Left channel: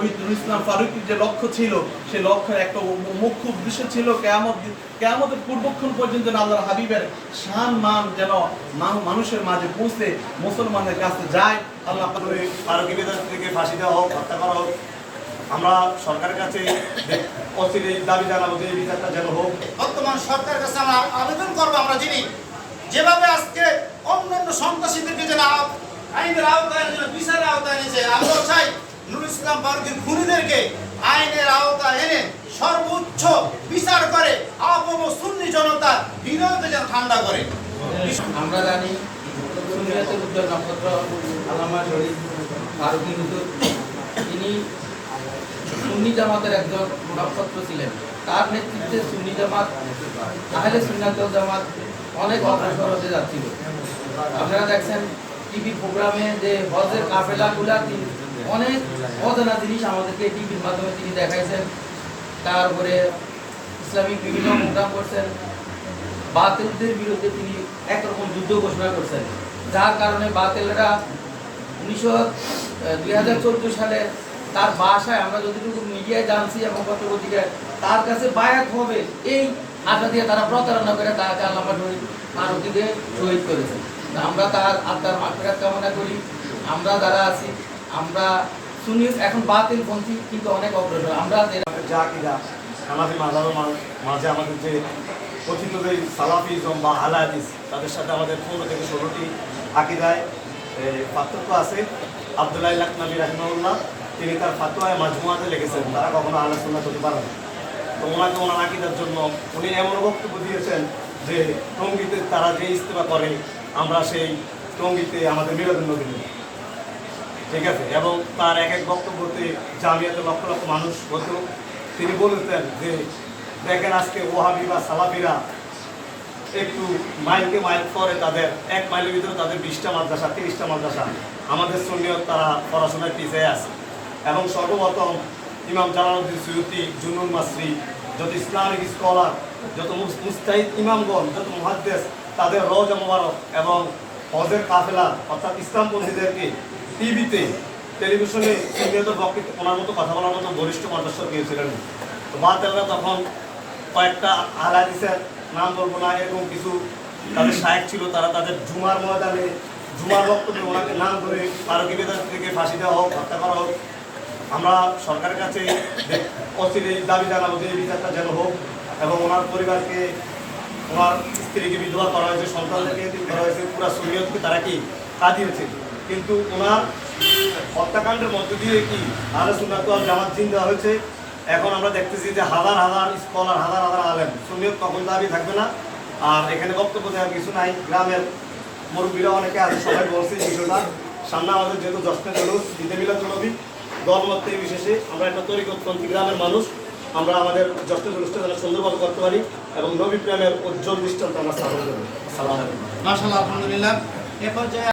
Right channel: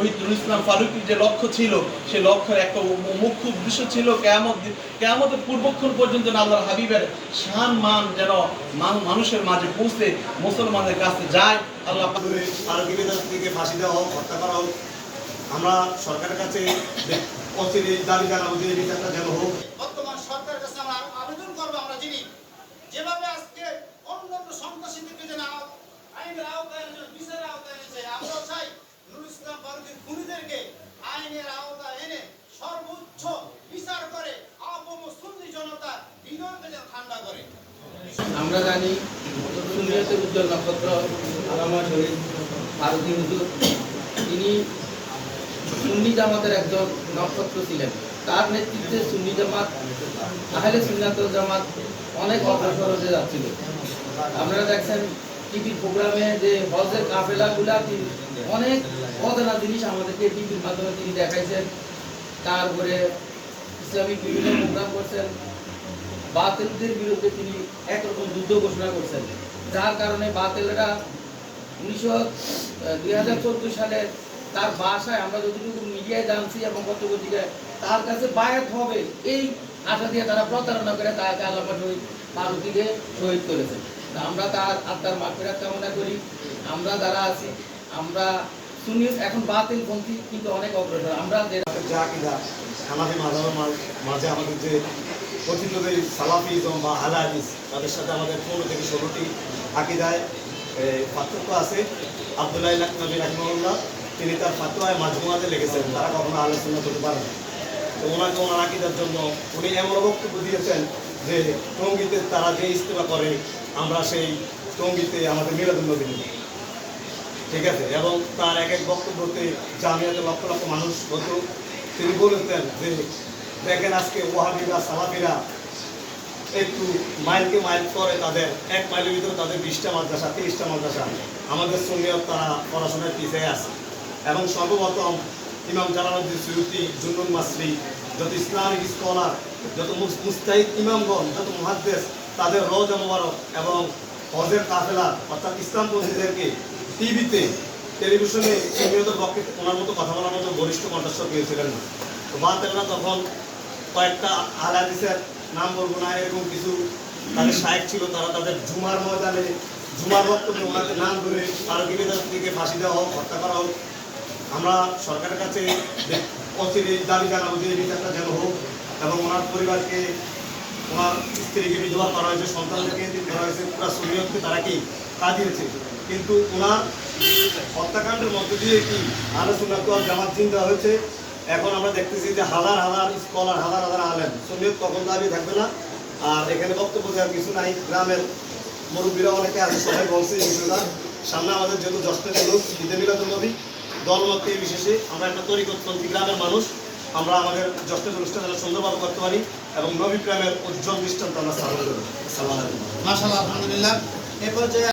শহীদ নুরুল ইসলাম ফারুকির যে লক্ষ্য ছিল সেই লক্ষ্যের একটা মুখ্য উদ্দেশ্য ছিল কেয়ামত কেয়ামতের পূর্বক্ষণ পর্যন্ত যেন আল্লাহর হাবিবের শান মান যেন মানুষের মাঝে পৌঁছে মুসলমানদের কাছে যায় আল্লাহ পাক করে থেকে ফাঁসি দেওয়া হোক হত্যা করা হোক আমরা সরকারের কাছে অচির দাবি জানাব যে এই বিচারটা যেন হোক। বর্তমান সরকারের কাছে আমরা আবেদন করব আমরা যিনি যেভাবে আজকে অন্যান্য সন্ত্রাসীদেরকে যেন আইনের ইসলাম ফারুকের খুনিদেরকে আইনের আওতায় এনে সর্বোচ্চ বিচার করে আবম সুন্নি জনতা বিরোধে যেন ঠান্ডা করে। আমরা জানি সুনিয়াতের উজ্জ্বল নক্ষত্র, আলামা শহীদ ফারুকি হুজুর তিনি সুন্নি জামাতের একজন নক্ষত্র ছিলেন। তার নেতৃত্বে সুন্নি জামাত, তাহলে সুন্নাতুল জামাত অনেক অগ্রসর হতে যাচ্ছিল। আপনারা দেখছেন টিভির প্রোগ্রামে যে হজের কাফেলাগুলা অনেক অজানা জিনিস আমাদেরকে টিভির মাধ্যমে তিনি দেখাইছেন। তারপরে ইসলামিক বিভিন্ন প্রোগ্রাম করছেন। বাতিলদের বিরুদ্ধে তিনি একরকম যুদ্ধ ঘোষণা করছেন। যার কারণে বাতিলরা উনিশশো দুই সালে তার বাসায় আমরা যতটুকু মিডিয়ায় জানছি এবং পত্রপত্রিকায়, তার কাছে বায়াত হবে এই আশা দিয়ে তারা প্রতারণা করে তাকে আল্লামা শহীদ ফারুকিকে শহীদ করেছেন। আমরা তার আত্মার মাফেরাত কামনা করি। আমরা যারা আছি আমরা শুনি এখন বাতিল পন্থী কিন্তু অনেক অগ্রসর। আমরা যে- আমাদের আকিদা হানাফি মাঝাবের মাঝে আমাদের যে কথিত সালাফিজম বা আলাদিস তাদের সাথে আমাদের পনেরো থেকে ষোলোটি আকিদায় পার্থক্য আছে। আবদুল্লাহ নবী রাহিমাউল্লাহ তিনি তার ফাতোয়ায় মাজমুয়াতে লিখেছেন, তারা কখনো আলোচনা করতে পারে না। তো ওনাকে ওনার আকিদার জন্য উনি এমন বক্তব্য দিয়েছেন যে টঙ্গিতে তারা যে ইস্তেমা করে, আমরা সেই টঙ্গিতে আমাদের মিলাদুল নবী। ঠিক আছে? এবং তার এক এক বক্তব্যতে জামিয়াতে লক্ষ লক্ষ মানুষ হতো। তিনি বলেছেন যে, দেখেন আজকে ওহাবি বা সালাফিরা একটু মাইলকে মাইল করে তাদের, এক মাইলের ভিতরে তাদের বিশটা মাদ্রাসা, তিরিশটা মাদ্রাসা। আমাদের সঙ্গেও তারা পড়াশোনায় পিছিয়ে আছে। এবং সর্বপ্রথম ইমাম জালালুদ্দিন সৈয়দি জুনুন মাসরি, যত ইসলামিক স্কলার, যত মুস- মুস্তাহিদ ইমামগণ, যত মুহাদ্দেস, তাদের রোজ মোবারক এবং হজের কাফেলা, অর্থাৎ ইসলামপন্থীদেরকে টিভিতে, টেলিভিশনে সুনিয়ত পক্ষে ওনার মতো কথা বলার মতো বরিষ্ঠ কণ্ঠস্বর পেয়েছিলেন না। তো তখন কয়েকটা আলাদিসের নাম বলব না, এরকম কিছু তাদের সাহেব ছিল, তারা তাদের জুমার ময়দানে, জুমার বক্তব্যে ওনাকে নাম ধরে ফারুকি বেদার থেকে ফাঁসি দেওয়া হোক, হত্যা করা হোক, আমরা সরকারের কাছে অচির দাবি জানাব যে এই বিচারটা যেন হোক এবং ওনার পরিবারকে, ওনার স্ত্রীকে বিধবা করা হয়েছে, সন্তানদেরকে করা হয়েছে, পুরো শরীয়তকে তারা কি কাঁদিয়েছে? কিন্তু ওনার হত্যাকাণ্ডের মধ্য দিয়ে কি তো আর জামাত চিন দেওয়া হয়েছে? এখন আমরা দেখতেছি যে হাজার হাজার স্কলার, হাজার হাজার আলেম শরীয়ত কখন দাঁড়িয়ে থাকবে না। আর এখানে বক্তব্য দেওয়ার কিছু নাই। গ্রামের মুরব্বীরা অনেকে আছে, সবাই বলছে বিষয়টা। সামনে আমাদের যেহেতু জশ্নের জলুস ঈদে মিলাদুল নবী দলমত বিশেষে আমরা একটা তরিকতপন্থী গ্রামের মানুষ। আমরা আমাদের জশ্নের জলুসটা যেন সুন্দরভাবে করতে পারি এবং নবী প্রেমের উজ্জ্বল দৃষ্টান্ত আমরা স্থাপন করব। সালাম আলহামদুলিল্লাহ। এ পর্যায়ে